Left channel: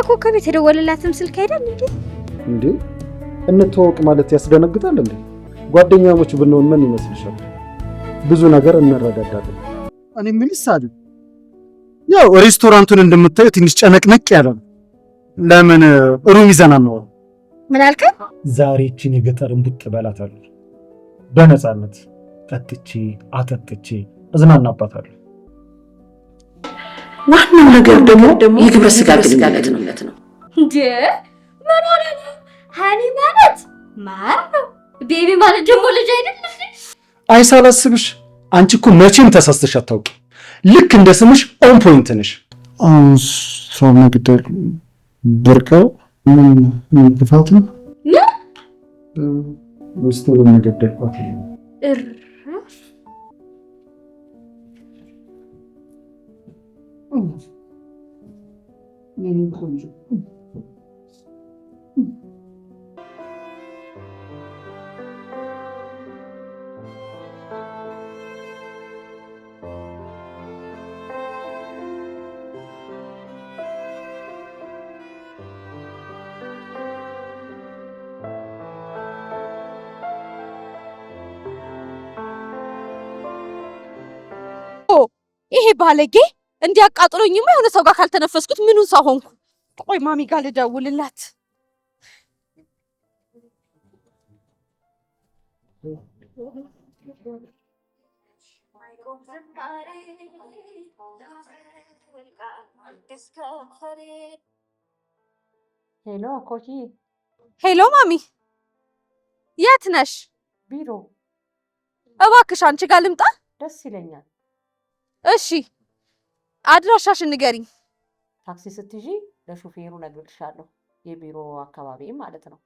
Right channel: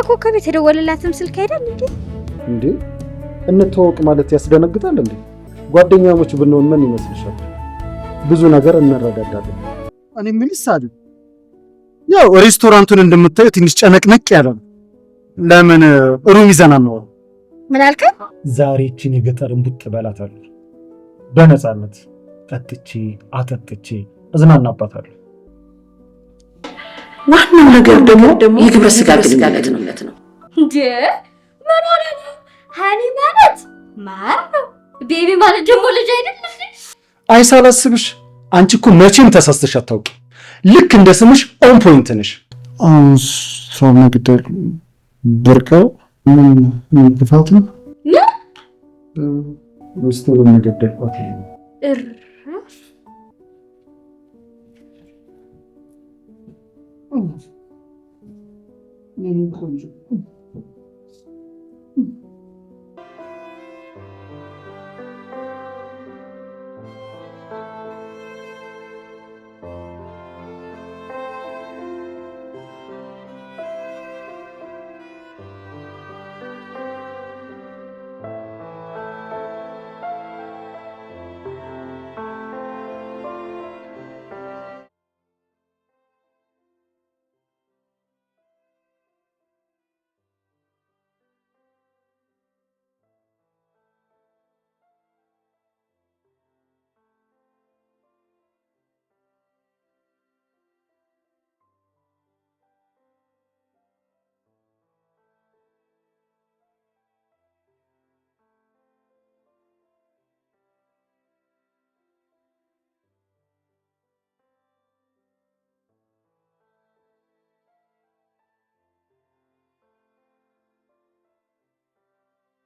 ለኮከብ የተደወለላትም ስልክ አይደል እንዴ? እንተዋወቅ ማለት ያስደነግጣል እንዴ? ጓደኛሞች ብንሆን ምን ይመስልሻል? ብዙ ነገር እንረዳዳለን። እኔ ምንስ አይደል ያው ሬስቶራንቱን እንደምታየው ትንሽ ጨነቅነቅ ያለ ነው። ለምን ሩም ይዘና ነው? ምን አልከኝ? ዛሬ እቺን የገጠር እንቡጥ በላታለሁ። በነፃነት ጠጥቼ አጠጥቼ እዝናናባታለሁ። ዋናው ነገር ደግሞ የግብረ ስጋ ግንኙነት ነው እንዴ? ምን ሆነ ነው? ሃኒ ማለት ማር ነው። ቤቢ ማለት ደግሞ ልጅ አይደል? አይሳላስብሽ። አንቺ እኮ መቼም ተሳስተሽ አታውቂ። ልክ እንደ ስምሽ ኦን ፖይንት ነሽ። ሰው መግደል ብርቀው ምን ጥፋት ነው? ውስጥ ለመገደል ቋት ይሄ ባለጌ እንዲያቃጥሎኝማ የሆነ ሰው ጋር ካልተነፈስኩት ምኑን ሰው ሆንኩ? ቆይ ማሚ ጋር ልደውልላት። ሄሎ ኮኪ። ሄሎ ማሚ፣ የት ነሽ? ቢሮ። እባክሽ አንቺ ጋር ልምጣ? ደስ ይለኛል። እሺ አድራሻሽን ንገሪኝ። ታክሲ ስትይዢ ለሹፌሩ ነግርሻለሁ። የቢሮ አካባቢ ማለት ነው።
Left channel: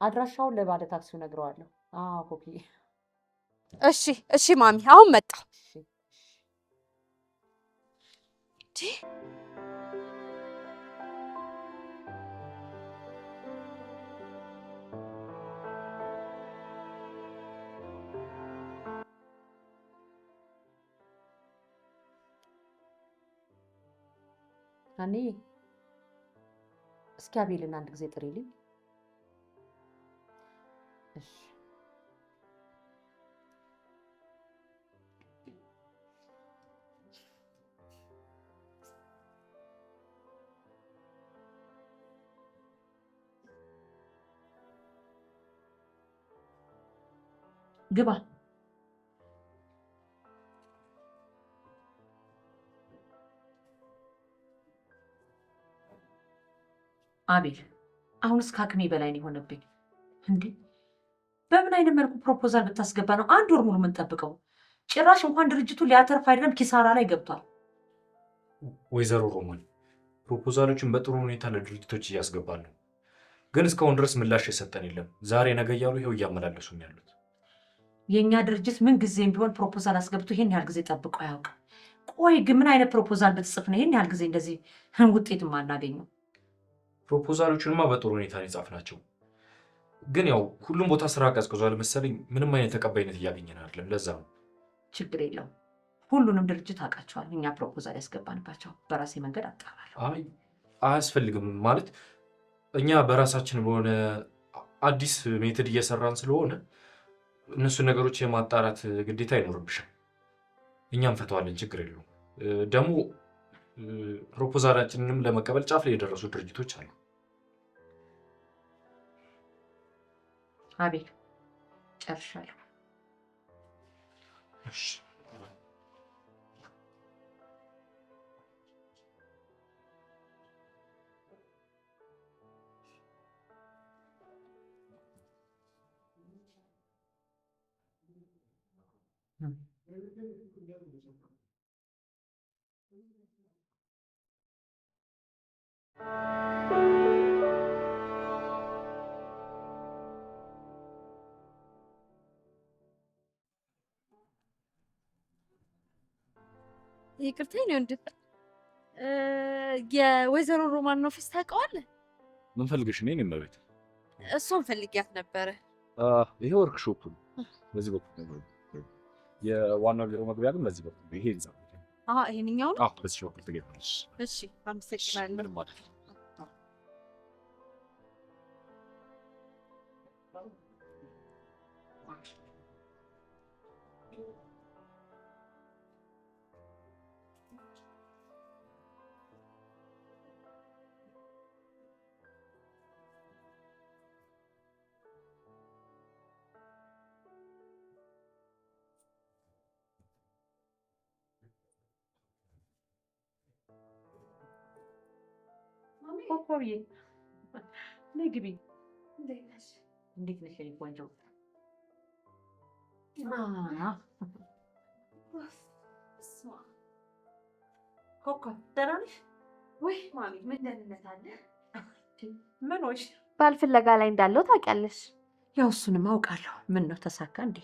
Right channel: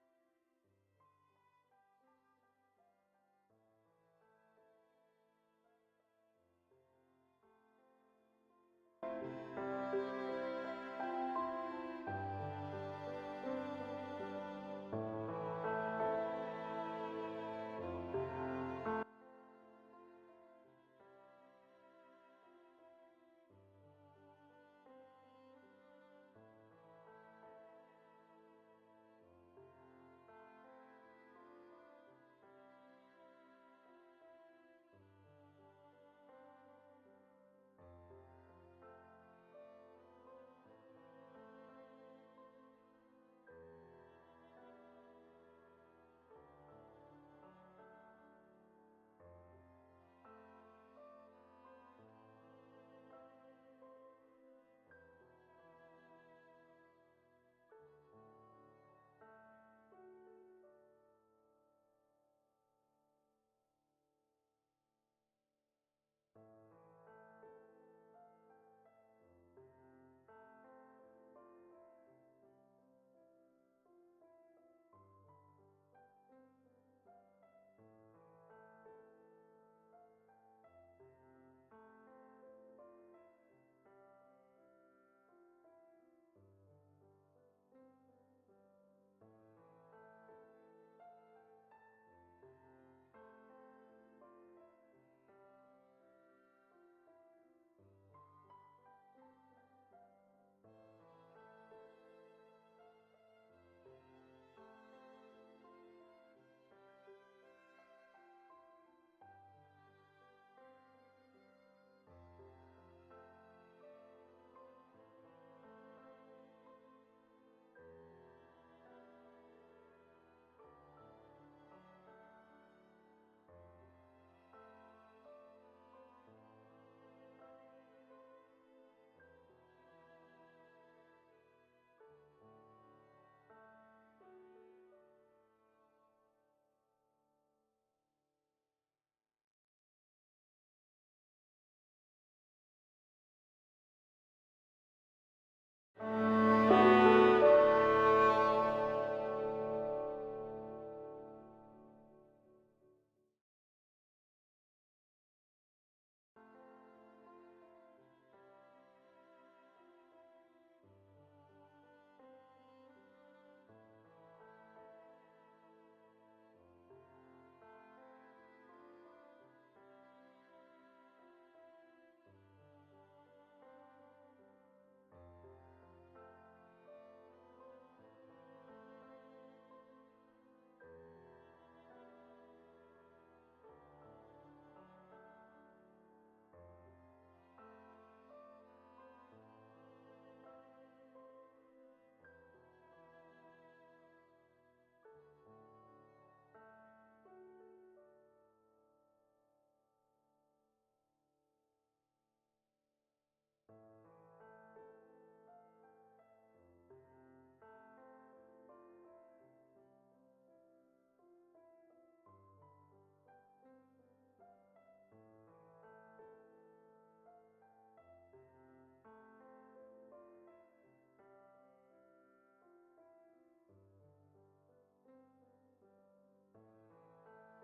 አድራሻውን ለባለ ታክሲው ነግረዋለሁ። አዎ ኮኪ። እሺ እሺ ማሚ፣ አሁን መጣ። እኔ እስኪ አቤልን አንድ ጊዜ ጥሪልኝ። እሺ ግባ። አቤል አሁንስ ከአቅሜ በላይ ነው የሆነብኝ። እንዴ በምን አይነት መልኩ ፕሮፖዛል ብታስገባ ነው አንድ ወር ሙሉ የምንጠብቀው? ጭራሽ እንኳን ድርጅቱ ሊያተርፍ አይደለም ኪሳራ ላይ ገብቷል። ወይዘሮ ሮማን ፕሮፖዛሎችን በጥሩ ሁኔታ ለድርጅቶች እያስገባሉ፣ ግን እስካሁን ድረስ ምላሽ የሰጠን የለም። ዛሬ ነገ እያሉ ይኸው እያመላለሱን ያሉት። የእኛ ድርጅት ምን ጊዜም ቢሆን ፕሮፖዛል አስገብቶ ይሄን ያህል ጊዜ ጠብቆ አያውቅም። ቆይ ግን ምን አይነት ፕሮፖዛል ብትጽፍ ነው ይሄን ያህል ጊዜ እንደዚህ ውጤትም አናገኘው? ፕሮፖዛሎቹንማ በጥሩ ሁኔታ ነው የጻፍናቸው፣ ግን ያው ሁሉም ቦታ ስራ ቀዝቅዟል መሰለኝ። ምንም አይነት ተቀባይነት እያገኘን አይደለም። ለዛ ነው። ችግር የለውም። ሁሉንም ድርጅት አውቃቸዋል። እኛ ፕሮፖዛል ያስገባንባቸው በራሴ መንገድ አጣራለሁ። አይ አያስፈልግም። ማለት እኛ በራሳችን በሆነ አዲስ ሜትድ እየሰራን ስለሆነ እነሱ ነገሮች የማጣራት ግዴታ አይኖርብሽም። እኛም ፈተዋለን። ችግር የለውም። ደግሞ ፕሮፖዛላችንንም ለመቀበል ጫፍ ላይ የደረሱ ድርጅቶች አሉ። አቤል ጨርሻለሁ። እሺ ይቅርታ ነው እንዴ? የወይዘሮ ሮማን ኦፊስ ታውቀዋለህ? ምን ፈልገሽ ነው? እኔም ቤት እሷን ፈልጊያት ነበረ። ይሄ ወርክሾፕ ነው። በዚህ በኩል ነው። የዋናው ቢሮ መግቢያ ግን በዚህ በኩል ይሄ ይዛው። ይሄንኛው ነው? በዚህ በኩል ትገኛለሽ። እሺ አመሰግናለሁ። ምንም ማለት ነው። ኮኮብዬ ነይ ግቢ። እንዴት ነሽ የኔ ቆንጆ? ኮኮብ ደህና ነሽ? ወይ ማሚ ምን ደህንነት አለ? ምን ሆንሽ? ባል ፍለጋ ላይ እንዳለው ታውቂያለሽ? ያው እሱንም አውቃለሁ። ምን ነው ተሳካ እንዴ?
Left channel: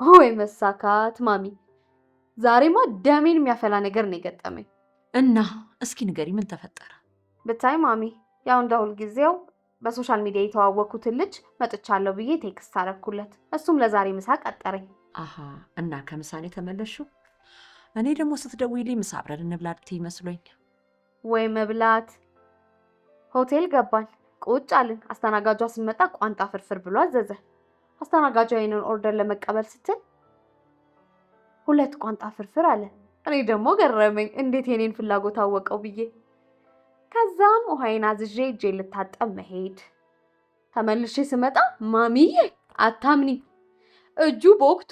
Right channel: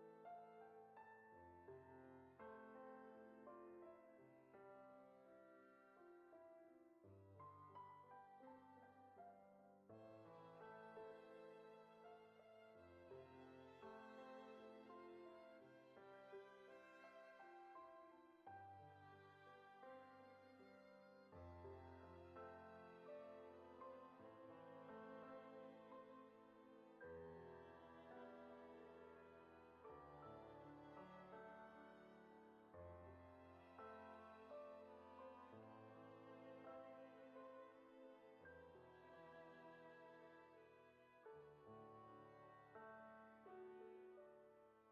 ወይ መሳካት ማሚ፣ ዛሬማ ደሜን የሚያፈላ ነገር ነው የገጠመኝ። እና እስኪ ንገሪ ምን ተፈጠረ? ብታይ ማሚ፣ ያው እንደ ሁልጊዜው በሶሻል ሚዲያ የተዋወቅኩትን ልጅ መጥቻለሁ ብዬ ቴክስት አደረኩለት። እሱም ለዛሬ ምሳ ቀጠረኝ። አሃ እና ከምሳኔ ተመለስሽው? እኔ ደግሞ ስትደውይልኝ ምሳ አብረን እንብላ ልትይ መስሎኝ። ወይ መብላት። ሆቴል ገባን፣ ቁጭ አልን። አስተናጋጇ ስትመጣ ቋንጣ ፍርፍር ብሎ አዘዘ። አስተናጋጇ ይሄንን ኦርደር ለመቀበል ስትል 2 ቋንጣ ፍርፍር አለ። እኔ ደግሞ ገረመኝ፣ እንዴት የኔን ፍላጎት አወቀው ብዬ። ከዛም ውሃዬን አዝዤ እጄን ልታጠብ መሄድ። ተመልሼ ስመጣ ማሚዬ አታምኒ፣ እጁ በወቅቶ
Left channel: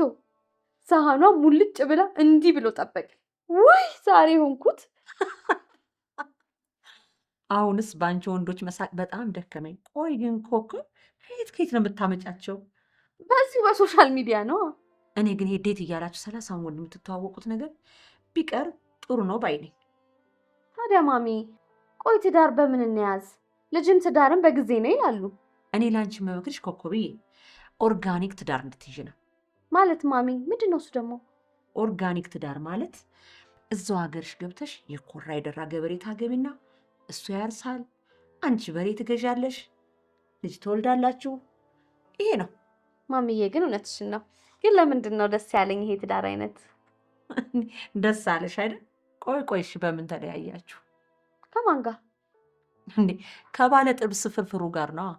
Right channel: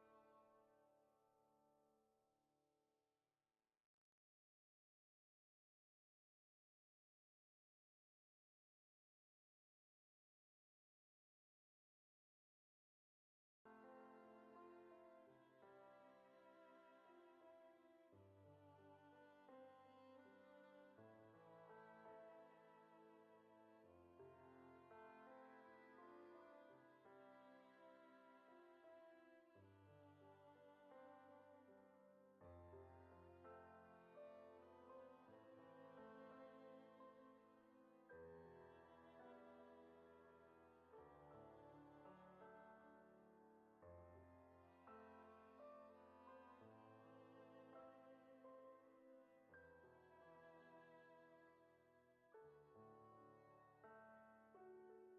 ሳህኗ ሙልጭ ብላ እንዲህ ብሎ ጠበቀ። ወይ ዛሬ ሆንኩት። አሁንስ በአንቺ ወንዶች መሳቅ በጣም ደከመኝ። ቆይ ግን ኮኮብ ከየት ነው የምታመጫቸው? በዚሁ በሶሻል ሚዲያ ነው። እኔ ግን ዴት እያላችሁ 30 ወንድ የምትተዋወቁት ነገር ቢቀር ጥሩ ነው ባይ ነኝ። ታዲያ ማሚ ቆይ ትዳር በምን እንያዝ? ልጅም ትዳርን በጊዜ ነው ይላሉ። እኔ ላንቺ መመክርሽ ኮኮብዬ ኦርጋኒክ ትዳር እንድትይዥ ነው። ማለት ማሚ ምንድን ነው እሱ ደግሞ? ኦርጋኒክ ትዳር ማለት እዛው ሀገርሽ ገብተሽ የኮራ የደራ ገበሬ ታገቢና እሱ ያርሳል፣ አንቺ በሬ ትገዣለሽ፣ ልጅ ትወልዳላችሁ። ይሄ ነው ማሚዬ። ግን እውነትሽን ነው። ግን ለምንድን ነው ደስ ያለኝ ይሄ ትዳር አይነት? ደስ አለሽ አይደል? ቆይ እሺ በምን ተለያያችሁ? ከማን ጋር እንዴ? ከባለ ጥብስ ፍርፍሩ ጋር ነው።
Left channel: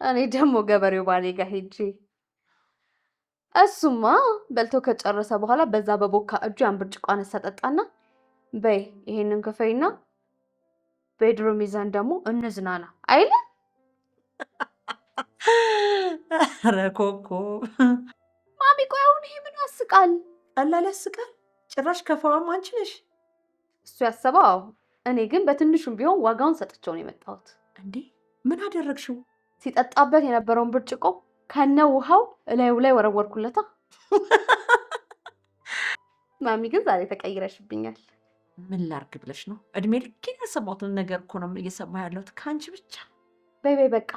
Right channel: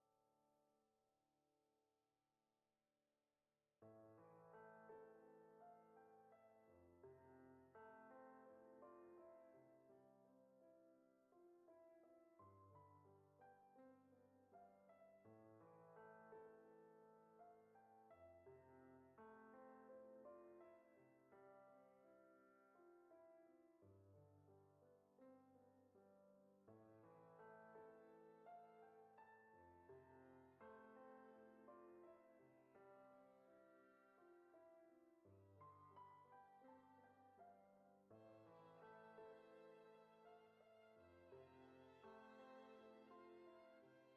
እኔ ደግሞ ገበሬው ባሌ ጋር ሄጄ እሱማ በልቶ ከጨረሰ በኋላ በዛ በቦካ እጁ ያን ብርጭቆ አነሳ ጠጣና፣ በይ ይሄንን ክፈይና ቤድሩም ይዘን ደግሞ እንዝናና አይለ። ኧረ ኮኮብ ማሚ ቆይ አሁን ይሄ ምን ያስቃል? ቀላል ያስቃል? ጭራሽ ከፋዋም አንቺ ነሽ። እሱ ያሰበው። እኔ ግን በትንሹም ቢሆን ዋጋውን ሰጥቼው ነው የመጣሁት። እንዴ ምን አደረግሽው? ሲጠጣበት የነበረውን ብርጭቆ ከነ ውሃው እላዩ ላይ ወረወርኩለታ። ማሚ ግን ዛሬ ተቀይረሽብኛል። ምን ላርግ ብለሽ ነው? እድሜ ልኬን ያሰማሁትን ነገር እኮ ነው እየሰማ ያለሁት ከአንቺ ብቻ። በይ በቃ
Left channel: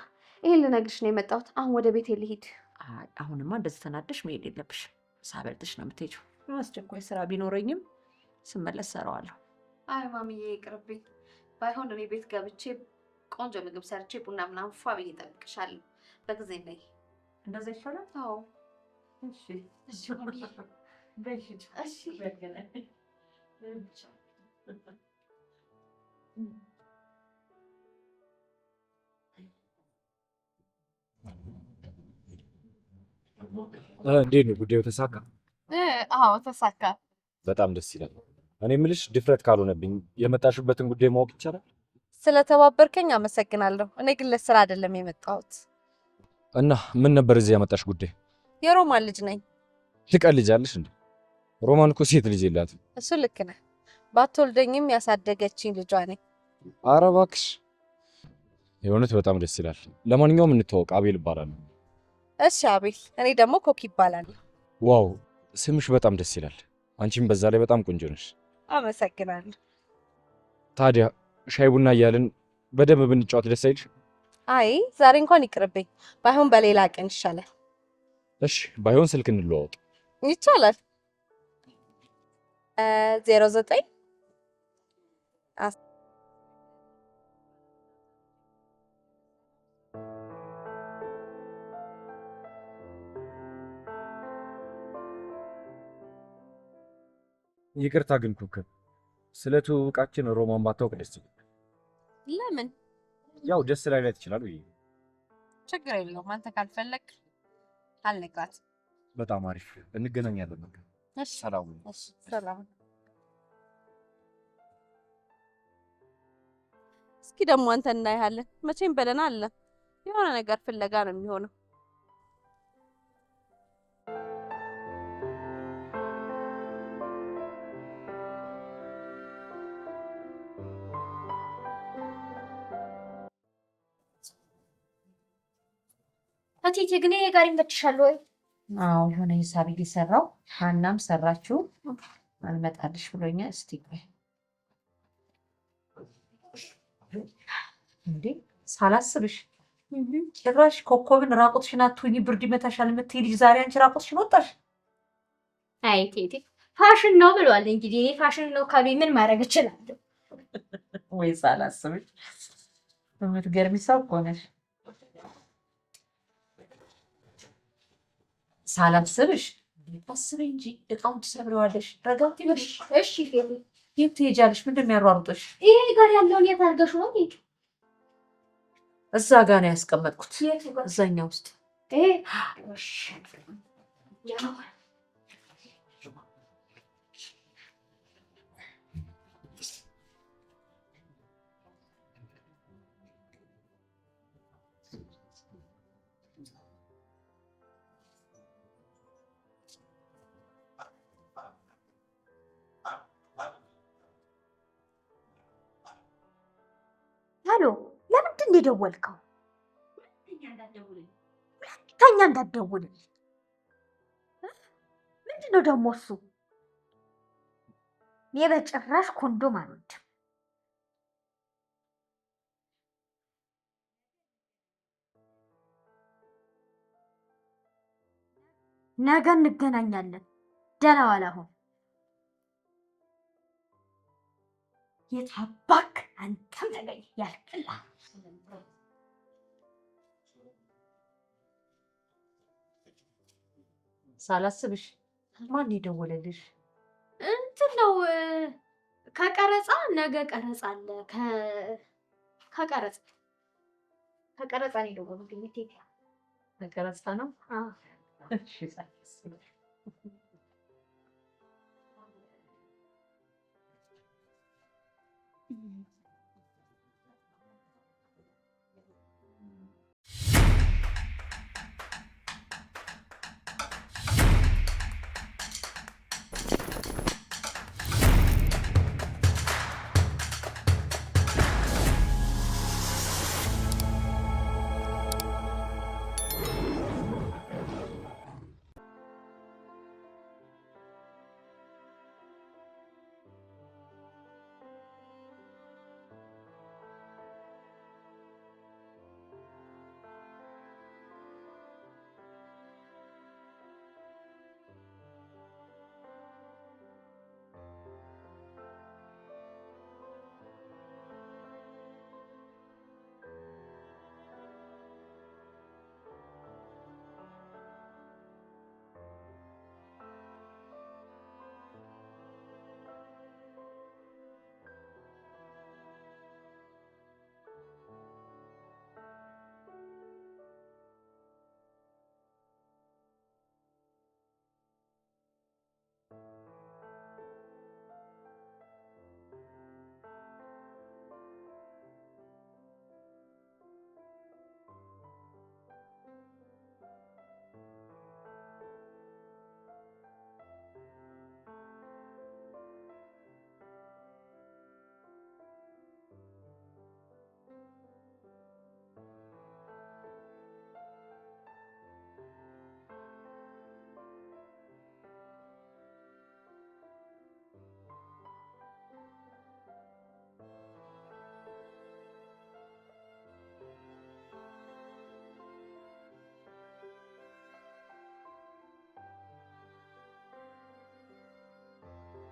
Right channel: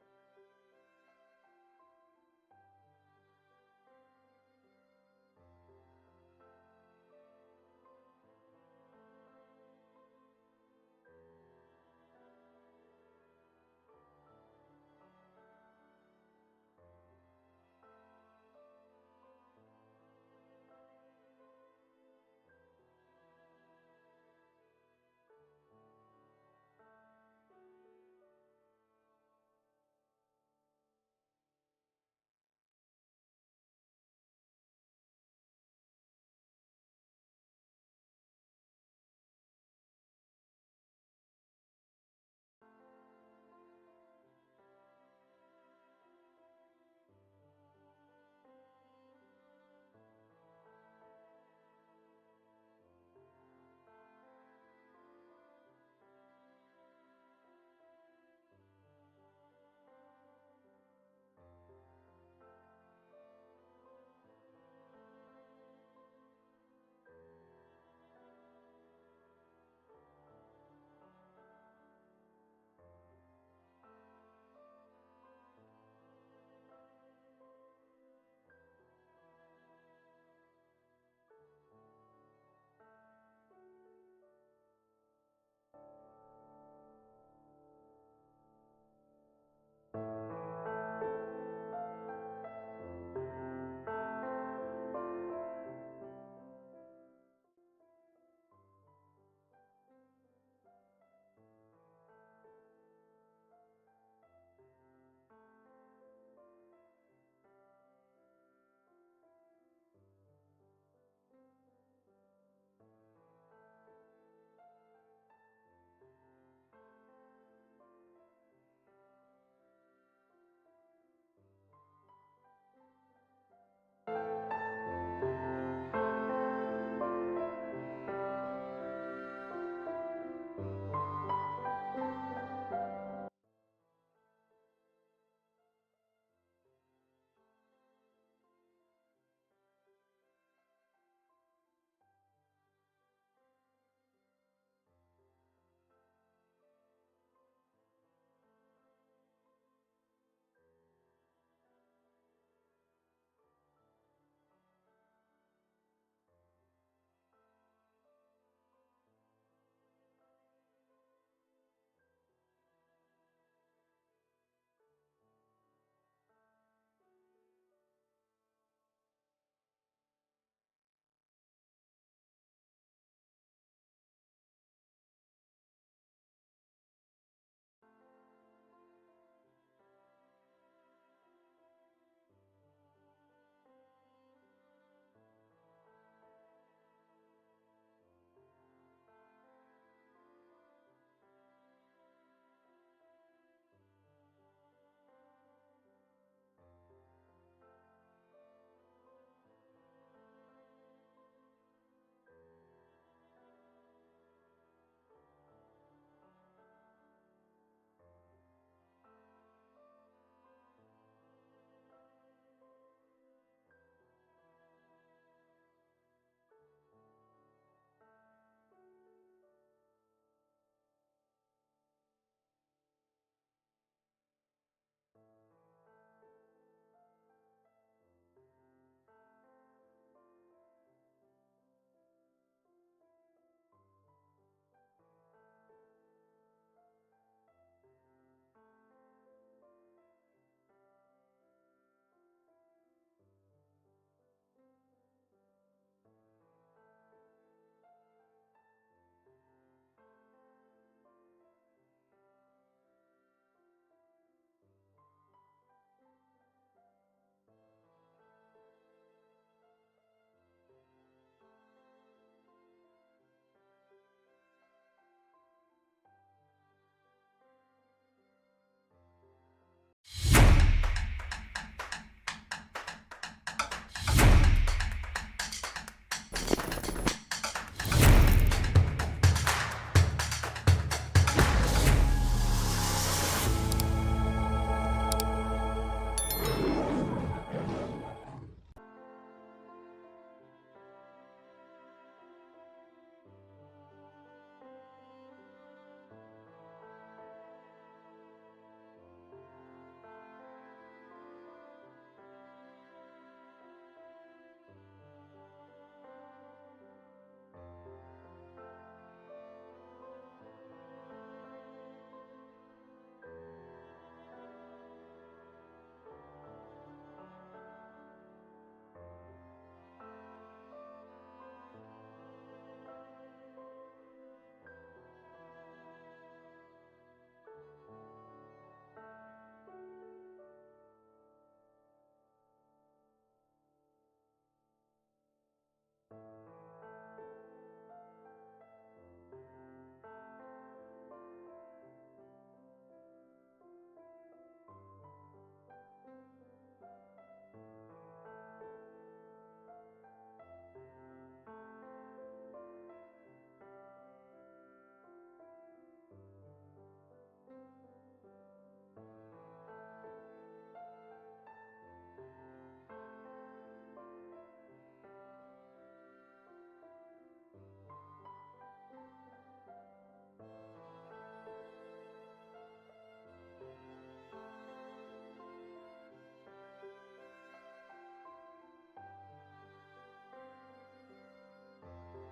ይሄን ልነግርሽ ነው የመጣሁት። አሁን ወደ ቤቴ ልሂድ። አሁንማ እንደዚህ ተናደሽ መሄድ የለብሽም። ሳበልጥሽ ነው የምትሄጂው። አስቸኳይ ስራ ቢኖረኝም ስመለስ ሰራዋለሁ። አይ ማሚዬ ይቅርብኝ። ባይሆን እኔ ቤት ገብቼ ቆንጆ ምግብ ሰርቼ ቡና ምናምን ፏ ብዬ እጠብቅሻለሁ። በጊዜ ነይ። እንደዛ ይሻላል? አዎ። እሺ እሺ ማሚዬ። እሺ እንዴት ነው ጉዳዩ? ተሳካ? አዎ ተሳካ። በጣም ደስ ይላል። እኔ የምልሽ ድፍረት ካልሆነብኝ የመጣሽበትን ጉዳይ ማወቅ ይቻላል? ስለተባበርከኝ አመሰግናለሁ። እኔ ግን ለስራ አይደለም የመጣሁት። እና ምን ነበር እዚህ ያመጣሽ ጉዳይ? የሮማን ልጅ ነኝ። ትቀልጃለሽ እንዴ? ሮማን እኮ ሴት ልጅ የላትም። እሱ ልክ ነህ። ባትወልደኝም ያሳደገችኝ ልጇ ነኝ። ኧረ እባክሽ፣ የእውነት በጣም ደስ ይላል። ለማንኛውም እንተዋወቅ፣ አቤል እባላለሁ። እሺ አቤል። እኔ ደግሞ ኮክ ይባላል። ዋው ስምሽ በጣም ደስ ይላል። አንቺም በዛ ላይ በጣም ቆንጆ ነሽ። አመሰግናለሁ። ታዲያ ሻይ ቡና እያልን በደንብ ብንጫወት ደስ አይልሽ? አይ ዛሬ እንኳን ይቅርብኝ። ባይሆን በሌላ ቀን ይሻላል። እሺ ባይሆን ስልክ እንለዋወጥ። ይቻላል። 09 ይቅርታ ግን ኩክን ስለ ትውውቃችን ሮማን ባታውቅ ደስ ይላል። ለምን? ያው ደስ ላይላት ይችላል ብዬ። ችግር የለውም። አንተ ካልፈለግ አልነግራትም። በጣም አሪፍ፣ እንገናኛለን። በቃ እሺ ሰላም። እሺ ሰላም። እስኪ ደግሞ አንተ እናያለን። መቼም በደህና አለ። የሆነ ነገር ፍለጋ ነው የሚሆነው። እቴቴ ግን ይሄ ጋር ይመችሻል ወይ? አዎ የሆነ ሂሳብ እየሰራው ሀናም ሰራችሁ አልመጣልሽ ብሎኛል። እስቲ ቆይ እንዴ ሳላስብሽ ጭራሽ ኮከብን ራቁትሽን አትሁኚ ብርድ ይመታሻል የምትይ ልጅ ዛሬ አንቺ ራቁትሽን ወጣሽ። አይ እቴቴ ፋሽን ነው ብሏል። እንግዲህ እኔ ፋሽን ነው ካሉኝ ምን ማድረግ እችላለሁ? ወይ ሳላስብሽ የምትገርሚ ሰው እኮ ነሽ። ሳላስብሽ አስበኝ እንጂ እቃውን ትሰብረዋለሽ። ረጋት ይበልሽ። እሺ ፌሪ የት ትሄጃለሽ? ምንድን ነው የሚያሯሩጥሽ? ይሄ ጋር ያለውን የት አድርገሽው ነው? ሂድ እዛ ጋ ነው ያስቀመጥኩት፣ እዛኛ ውስጥ። ሄሎ፣ ለምንድን ነው የደወልከው? ሁለተኛ እንዳትደውልልኝ። ምንድን ነው ደግሞ እሱ? እኔ በጭራሽ ኮንዶም አልወድም። ነገ እንገናኛለን። ደህና ዋል። አሁን የት አባክ አንተም ተገኝ ያልቅላ። ሳላስብሽ ማን የደወለልሽ? እንትን ነው ከቀረጻ ነገ ቀረጻ አለ። ከቀረጻ ነው የደወሉልኝ። ከቀረጻ ነው። አዎ እሺ ሳላስብሽ